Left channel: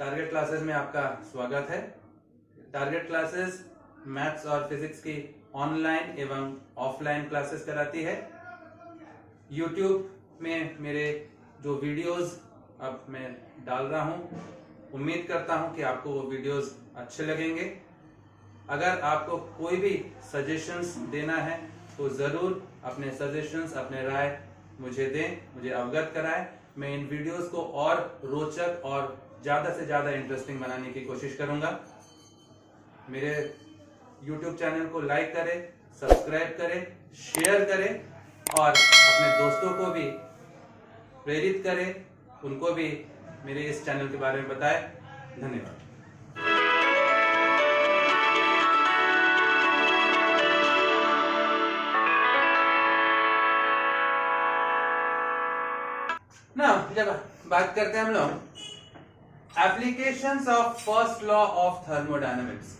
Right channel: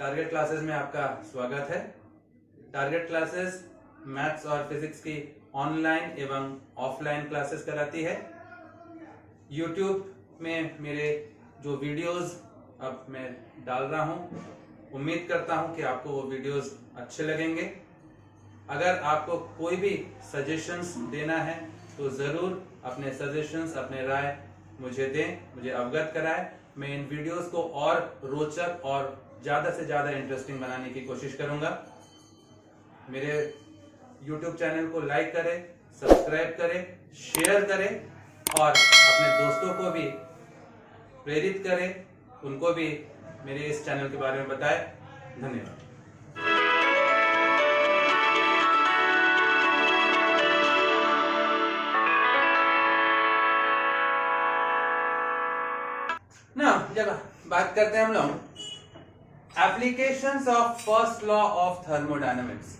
Target classes में आपका स्वागत है। टारगेट क्लासेस मैथ्स और फिजिक्स की ऑनलाइन एवं ऑफलाइन क्लासेस कराती है। यूट्यूब में मेरे जो वीडियोस अब मैं डाल रहा हूं, उम्मीद करता हूं कि आपको वो वीडियोस अच्छे लगेंगे। अगर आपको कोई भी सजेशंस देना है तो जरूर अपने सजेशंस, अपने राय मुझे दें, मुझे अवगत कराएं। मैं इन वीडियोस को और रोचक और ज्यादा से ज्यादा इंटरेस्टिंग बनाने की कोशिश करूंगा। मेरे YouTube चैनल को लाइक करें, सब्सक्राइब करें, शेयर करें और अपने दोस्तों को भी प्रेरित करें, उनको भी मेरे इस चैनल के बारे में बताएं। धन्यवाद। ना जब बात करते हैं हम लोग applications of first law of thermodynamics.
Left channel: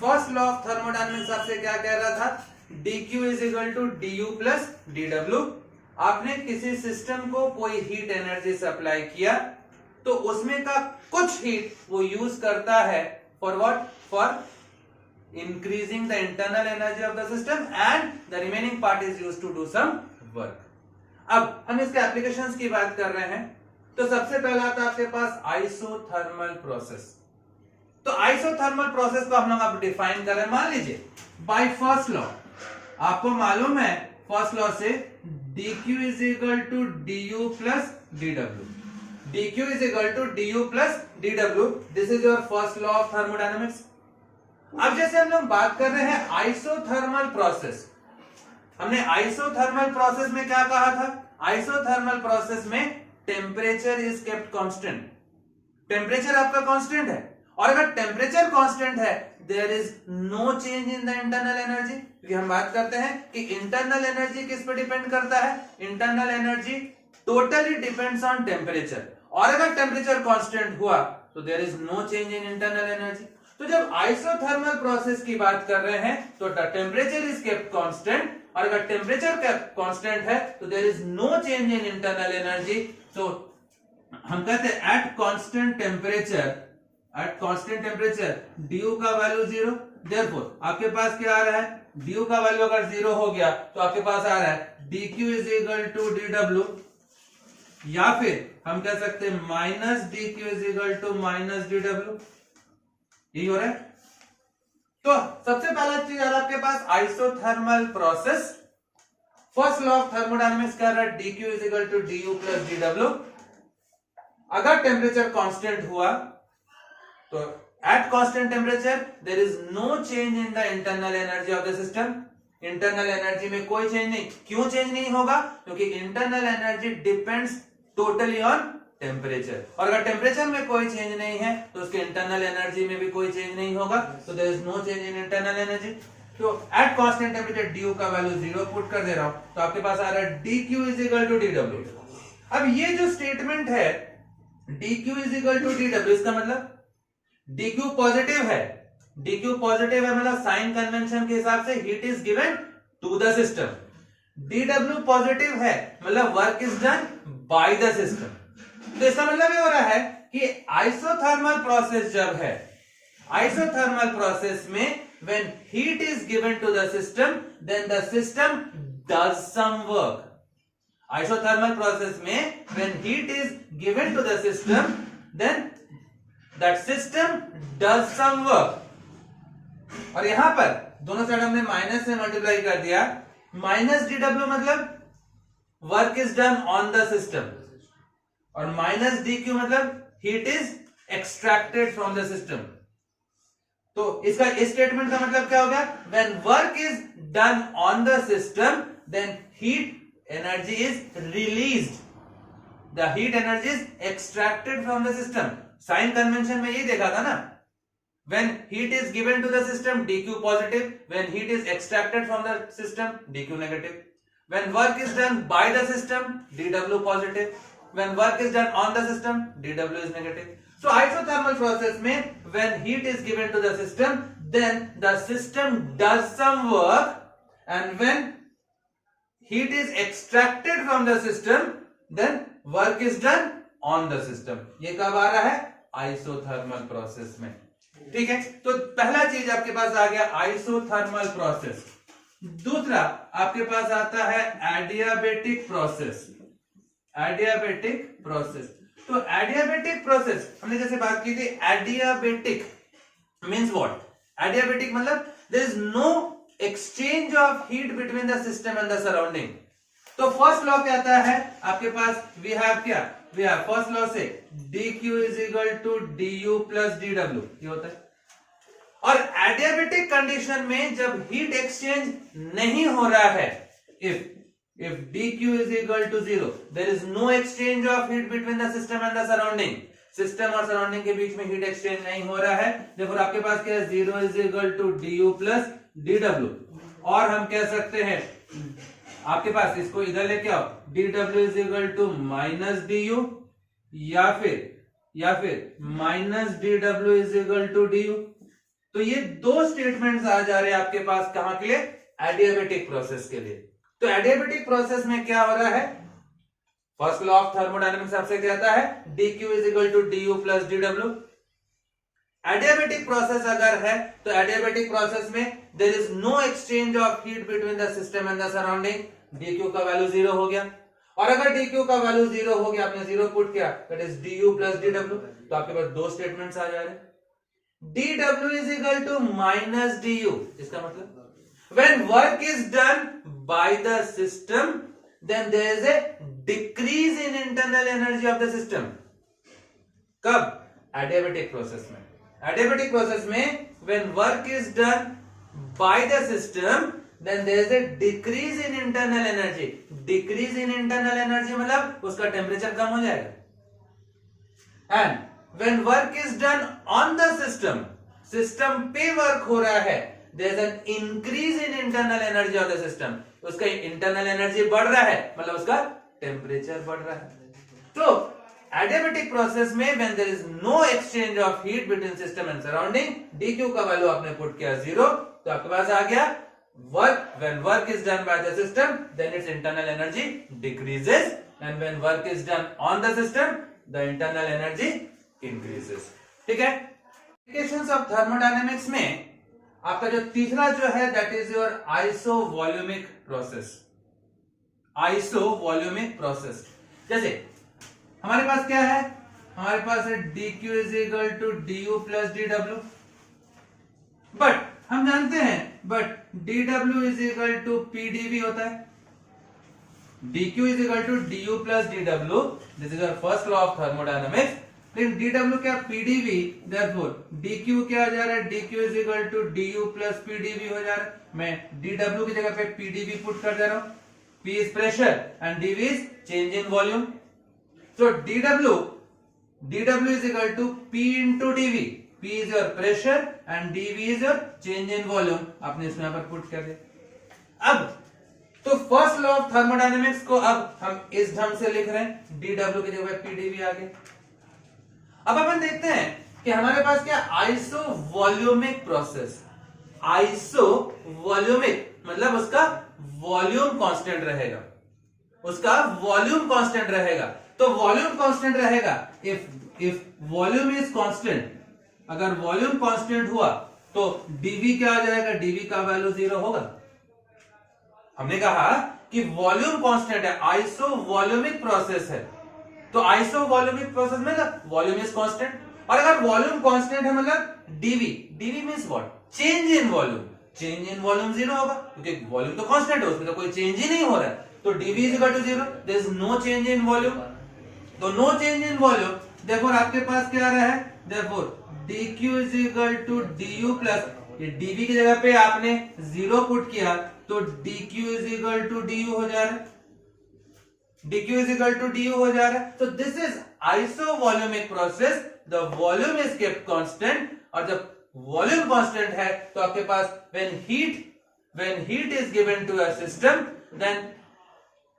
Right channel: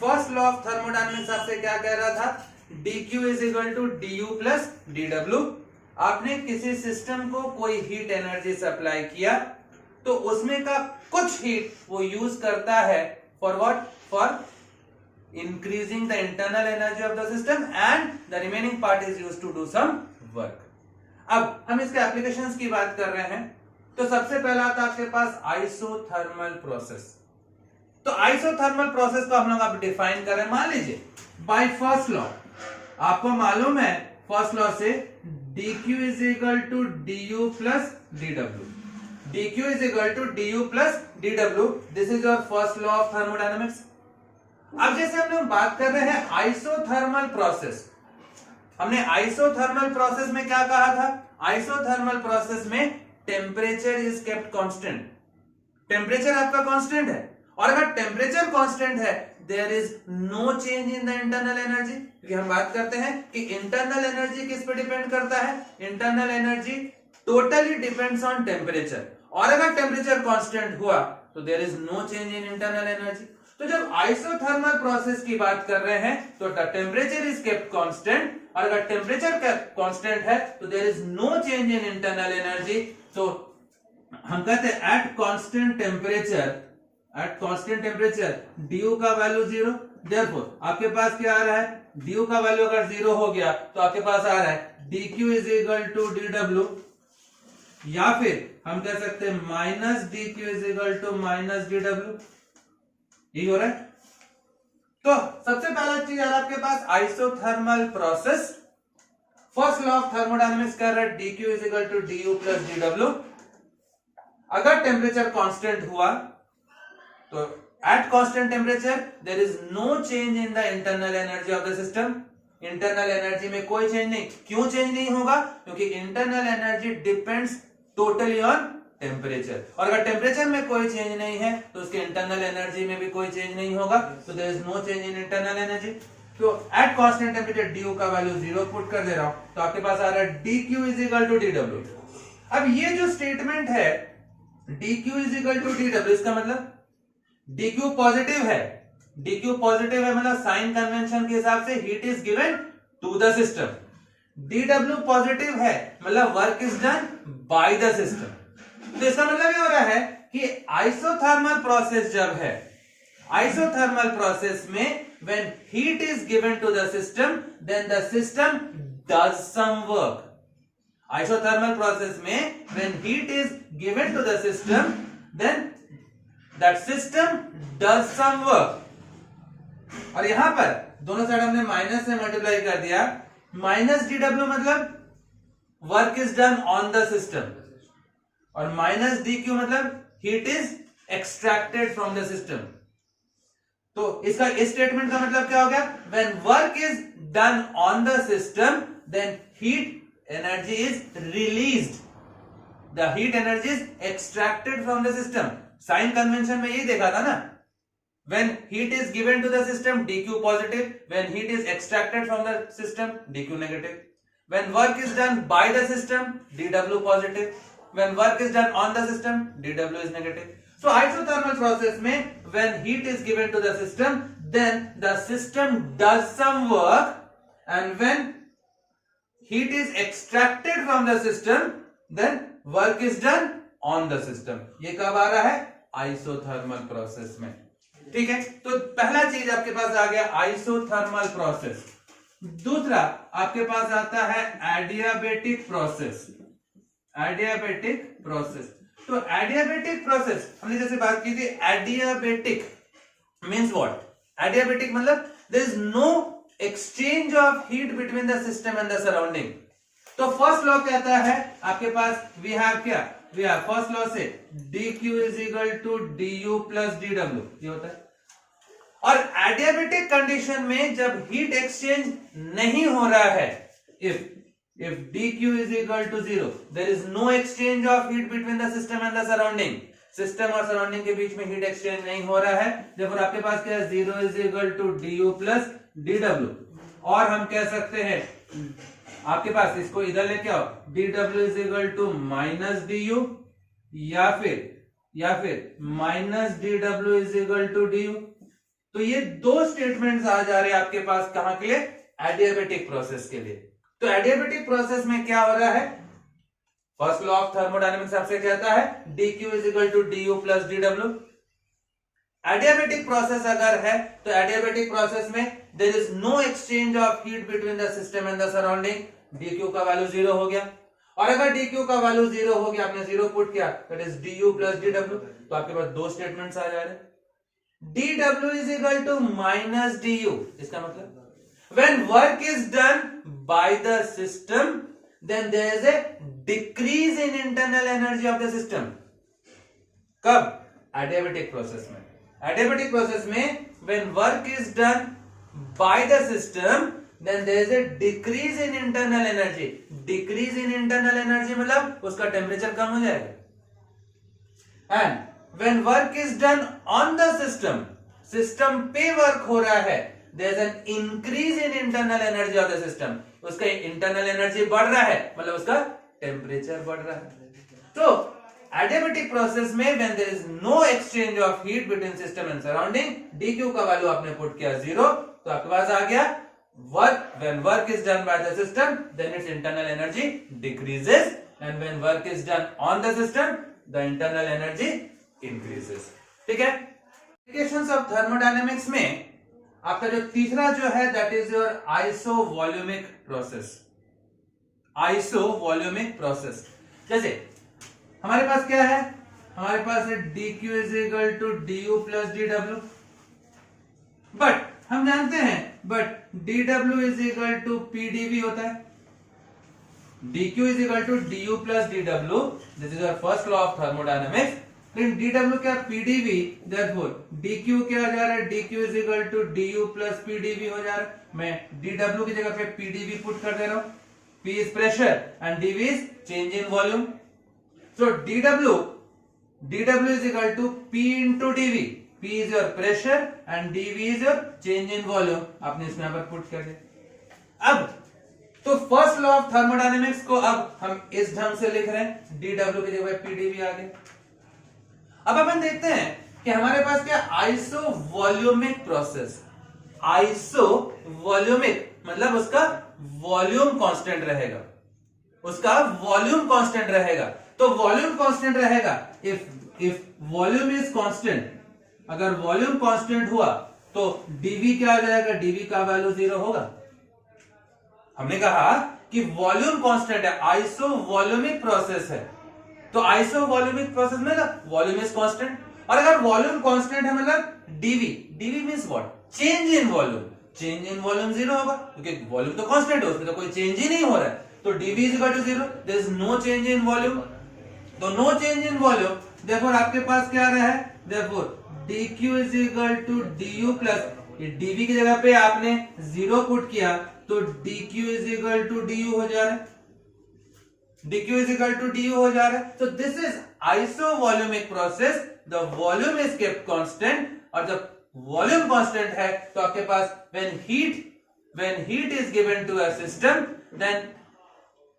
First law of thermodynamics आपसे क्या कह रहा था? dq is equal to du plus dw। आपने किसी सिस्टम को कोई हीट एनर्जी सप्लाई किया तो उसमें का कुछ हीट वो यूज करता है for what? For increasing the internal energy of the system and the remaining part is used to do some work। अब हम इसके एप्लीकेशंस की बात कर रहे हैं तो सबसे पहला आता आपके पास आइसोथर्मल प्रोसेस। तो आइसोथर्मल प्रोसेस को हम लोग अब डिफाइन कर रहे हैं। मान लीजिए बाय फर्स्ट लॉ आपको मालूम है, फर्स्ट लॉ से dq is equal to du plus dw। dq is equal to du plus dw, this is your first law of thermodynamics. अब जैसे हम लोग बात कर रहे हैं आइसोथर्मल प्रोसेस, हमने आइसोथर्मल प्रोसेस में क्या कहा था? आइसोथर्मल प्रोसेस में temperature is kept constant. Temperature आपका कांस्टेंट है और अगर टेम्परेचर कांस्टेंट है there is no change in the internal energy. क्योंकि हम बात करते हैं कि इंटरनल एनर्जी किस पे डिपेंड करता है? Internal energy totally depends on temperature, और अगर टेम्परेचर कांस्टेंट हुआ तो there is no change in internal energy. तो जब आइसोथर्मल प्रोसेस की बात कर रहे हैं तो the temperature is kept constant, और अगर टेम्परेचर कांस्टेंट है तो there is no change in internal energy. तो हम कहते हैं एट कांस्टेंट टेम्परेचर du का वैल्यू 0। देयरफॉर आपके पास क्या आ रहा है? du का वैल्यू अगर 0 हो गया तो आपके पास आ रहा है dq is equal to dw, या फिर हम कह सकते हैं minus dq is equal to minus dw। यही हो रहा है। तो सबसे पहला चीज आ रहा है आपके पास isothermal process. First law of thermodynamics कह रहा है dq is equal to du plus dw। अगर टेम्परेचर कांस्टेंट हुआ तो at constant temperature there is no change in the internal energy of the system. Internal energy में कोई change नहीं। क्यों चेंज नहीं होगा? क्योंकि internal energy depends totally on temperature, और अगर टेम्परेचर में कोई चेंज नहीं है तो उसके इंटरनल एनर्जी में भी कोई चेंज नहीं होगा। तो there is no change in internal energy. तो एट कांस्टेंट टेम्परेचर du का वैल्यू 0 पुट कर दे रहा हूं तो आपके पास आ रहा है dq is equal to dw। अब ये जो स्टेटमेंट है dq is equal to dw, इसका मतलब dq पॉजिटिव है। dq पॉजिटिव है मतलब साइन कन्वेंशन के हिसाब से heat is given to the system. dw positive है मतलब work is done by the system. तो इसका मतलब ये हो रहा है कि आइसोथर्मल प्रोसेस जब है, आइसोथर्मल प्रोसेस में when heat is given to the system then the system does some work। Isothermal process में when heat is given to the system then that system does some work। और यहां पर दोनों side हमने minus से multiply कर दिया। Minus dw मतलब work is done on the system, और माइनस dq मतलब heat is extracted from the system. तो इसका इस स्टेटमेंट का मतलब क्या हो गया? When work is done on the system then heat energy is released, the heat energy is extracted from the system. Sign convention में यही देखा था ना, when heat is given to the system dq positive, when heat is extracted from the system dq negative, when work is done by the system dw positive, when work is done on the system dw is negative। so isothermal process में when heat is given to the system then the system does some work, and when heat is extracted from the system then work is done on the system। ये कब आ रहा है? Isothermal process में। ठीक है, तो पहला चीज आपके पास आ गया आइसोथर्मल प्रोसेस। दूसरा आपके पास आता है एडियाबेटिक प्रोसेस। एडियाबेटिक प्रोसेस, तो एडियाबेटिक प्रोसेस हमने जैसे बात की थी, एडियाबेटिक मीन्स व्हाट? एडियाबेटिक मतलब there is no exchange of heat between the system and the surrounding. तो फर्स्ट लॉ कहता है आपके पास वी हैव क्या, वी हैव फर्स्ट लॉ से dq is equal to du plus dw, ये होता है। और एडियाबेटिक कंडीशन में जब हीट एक्सचेंज नहीं हो रहा है, if dq is equal to 0, there is no exchange of heat between the system and the surrounding, system और सराउंडिंग के बीच में हीट एक्सचेंज नहीं हो रहा है, देखो आपके पास क्या है, 0 is equal to du plus dw। और हम कह सकते हैं आपके पास इसको इधर लेके आओ, dw is equal to minus du या फिर minus dw is equal to du। तो ये दो स्टेटमेंट्स आ जा रहे हैं आपके पास कहां के लिए, एडियाबेटिक प्रोसेस के लिए। तो एडियाबेटिक प्रोसेस में क्या हो रहा है, फर्स्ट लॉ ऑफ थर्मोडायनेमिक्स आपसे कहता है dq is equal to du plus dw। Adiabatic process अगर है तो एडियाबेटिक प्रोसेस में there is no exchange of heat between the system and the surrounding, dq का वैल्यू 0 हो गया। और अगर dq का वैल्यू 0 हो गया, आपने 0 पुट किया, that is du plus dw, तो आपके पास दो स्टेटमेंट्स आ जा रहे हैं। dw is equal to minus du, इसका मतलब when work is done by the system then there is a decrease in internal energy of the system। कब? adiabatic process में। adiabatic process में when work is done by the system then there is a decrease in internal energy। decrease in internal energy मतलब उसका temperature कम हो जाएगा। and when work is done on the system, system पे work हो रहा है, there is an increase in internal energy of the system, उसका internal energy बढ़ रहा है मतलब उसका टेम्परेचर बढ़ रहा है। तो एडियाबेटिक प्रोसेस में when there is no exchange of heat between system and surrounding, dq का वैल्यू आपने पुट किया 0, तो आपके पास आ गया work, when work is done by the system then its internal energy decreases, and when work is done on the system the internal energy increases। ठीक है, applications of thermodynamics में आपका जो तीसरा जो है that is your isovolumic process. Isovolumic process, जैसे हमारे पास क्या है, हमारे पास है dq is equal to du plus dw, but हम जानते हैं but dw is equal to pdv होता है। dq is equal to du plus dw, this is our first law of thermodynamics. लेकिन dw क्या, pdv, therefore dq क्या जा रहा है, dq is equal to du plus pdv हो जा रहा है। मैं dw की जगह पे pdv पुट कर दे रहा हूं। p is pressure and dv is change in volume. So dw is equal to p into dv, p is your pressure and dv is your change in volume, आपने इसमें यहां पर पुट कर दिया। अब तो फर्स्ट लॉ ऑफ थर्मोडायनेमिक्स को अब हम इस ढंग से लिख रहे हैं, dw की जगह pdv आ गया। अब अपन देखते हैं कि हमारे पास क्या, आइसोवॉल्यूमिक प्रोसेस। आइसोवॉल्यूमिक मतलब उसका वॉल्यूम कांस्टेंट रहेगा, उसका वॉल्यूम कांस्टेंट रहेगा। तो वॉल्यूम कांस्टेंट रहेगा, इफ वॉल्यूम इज कांस्टेंट, अगर वॉल्यूम कांस्टेंट हुआ तो dv क्या आ जाएगा, dv का वैल्यू 0 होगा। हमने कहा कि वॉल्यूम कांस्टेंट है, आइसोवॉल्यूमिक प्रोसेस है, तो आइसोवॉल्यूमिक प्रोसेस में ना वॉल्यूम इज कांस्टेंट, और अगर वॉल्यूम कांस्टेंट है मतलब dv means what, change in volume. Change in volume 0 होगा क्योंकि वॉल्यूम तो कांस्टेंट है, उसमें तो कोई चेंज ही नहीं हो रहा है। तो dv is equal to 0, there is no change in volume. तो no change in volume, therefore आपके पास क्या आ रहा है, therefore dq is equal to du plus, ये dv की जगह पे आपने 0 पुट किया तो dq is equal to du हो जा रहा है, dq is equal to du हो जा रहा है। तो this is isovolumic process, the volume is kept constant, और जब वॉल्यूम कांस्टेंट है तो आपके पास when heat is given to a system then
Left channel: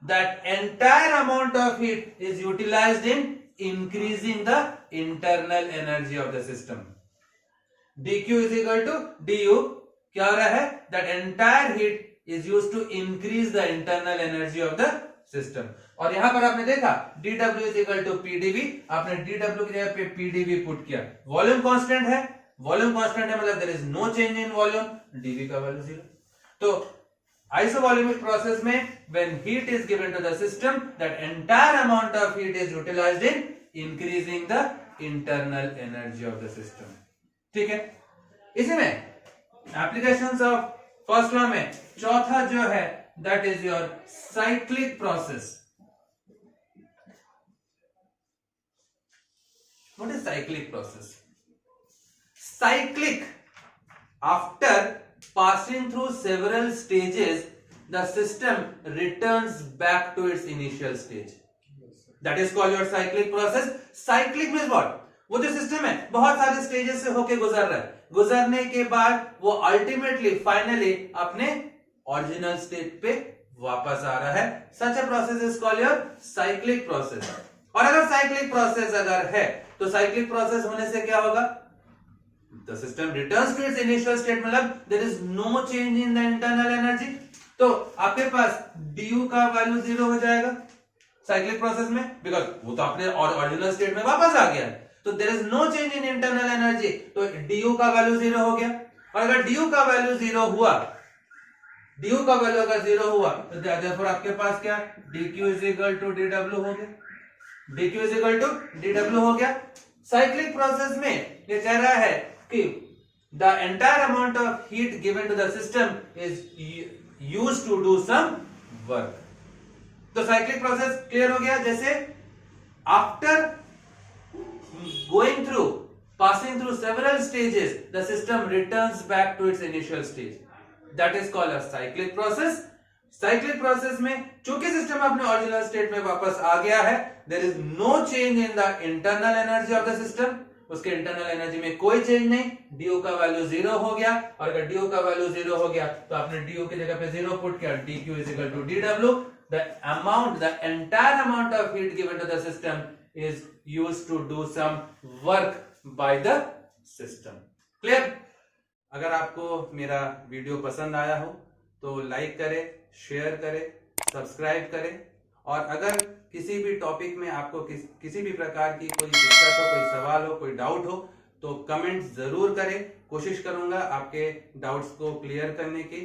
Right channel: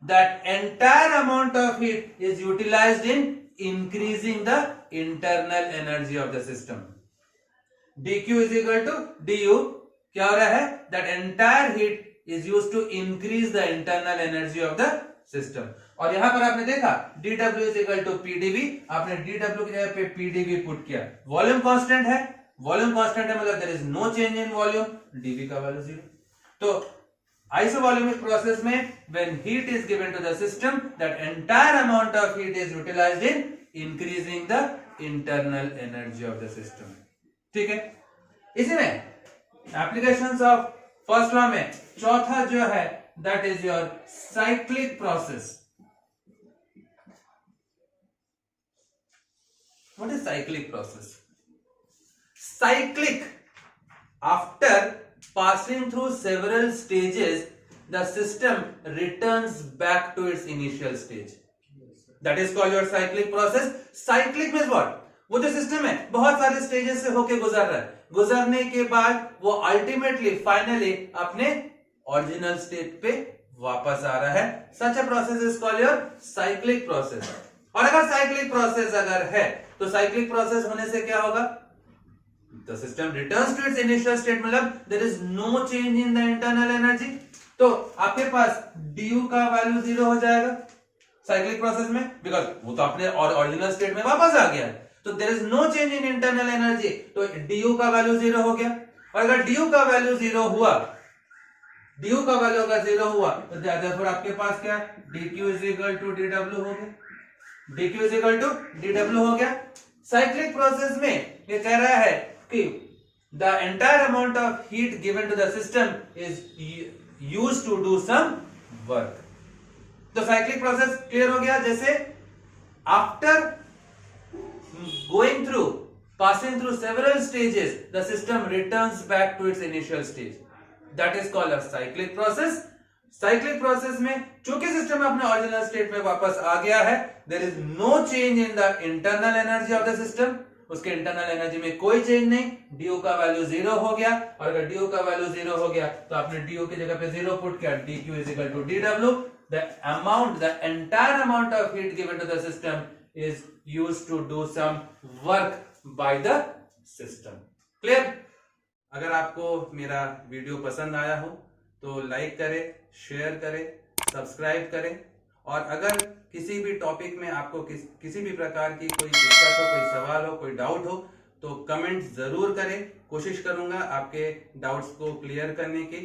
that entire amount of heat is utilized in increasing the internal energy of the system। dq is equal to du क्या हो रहा है, that entire heat is used to increase the internal energy of the system। और यहां पर आपने देखा dw is equal to pdv, आपने dw की जगह पे pdv पुट किया, वॉल्यूम कांस्टेंट है, वॉल्यूम कांस्टेंट है मतलब there is no change in volume, dv का वैल्यू 0। तो आइसोवॉल्यूमिक प्रोसेस में when heat is given to the system, that entire amount of heat is utilised in increasing the internal energy of the system. ठीक है, इसी में applications of first law में चौथा जो है that is your cyclic process. What is cyclic process? Cyclic, after passing through several stages, the system returns back to its initial stage. That is called your cyclic process. Cyclic means what? वो जो system है बहुत सारे stages से होके गुजर रहा है, गुजरने के बाद वो अल्टीमेटली फाइनली अपने ओरिजिनल स्टेट पे वापस आ रहा है। Such a process is called your cyclic process. और अगर साइक्लिक प्रोसेस अगर है तो साइक्लिक प्रोसेस होने से क्या होगा? The system returns to its initial state, मतलब there is no change in the internal energy। तो आपके पास du का वैल्यू 0 हो जाएगा साइक्लिक प्रोसेस में, बिकॉज वो तो अपने ओरिजिनल स्टेट में वापस आ गया है, तो there is no change in internal energy, तो du का वैल्यू 0 हो गया। और अगर du का वैल्यू 0 हुआ, du का वैल्यू अगर 0 हुआ तो देयरफॉर आपके पास क्या dq is equal to dw हो गया, dq is equal to dw हो गया। साइक्लिक प्रोसेस में ये कह रहा है कि the entire amount of heat given to the system is used to do some work। तो साइक्लिक प्रोसेस क्लियर हो गया। जैसे after going through passing through several stages, the system returns back to its initial stage, that is called a cyclic process। Cyclic process में चूंकि system अपने original state में वापस आ गया है, there is no change in the internal energy of the system, उसके internal energy में कोई चेंज नहीं, du का वैल्यू 0 हो गया। और अगर du का वैल्यू 0 हो गया तो आपने du की जगह पे 0 पुट किया, dq is equal to dw, the amount, the entire amount of heat given to the system is used to do some work by the system. Clear? अगर आपको मेरा वीडियो पसंद आया हो तो लाइक करें, शेयर करें, सब्सक्राइब करें, और अगर किसी भी टॉपिक में आपको किसी भी प्रकार की कोई दिक्कत हो, कोई सवाल हो, कोई डाउट हो तो कमेंट जरूर करें। कोशिश करूंगा आपके डाउट्स को क्लियर करने की।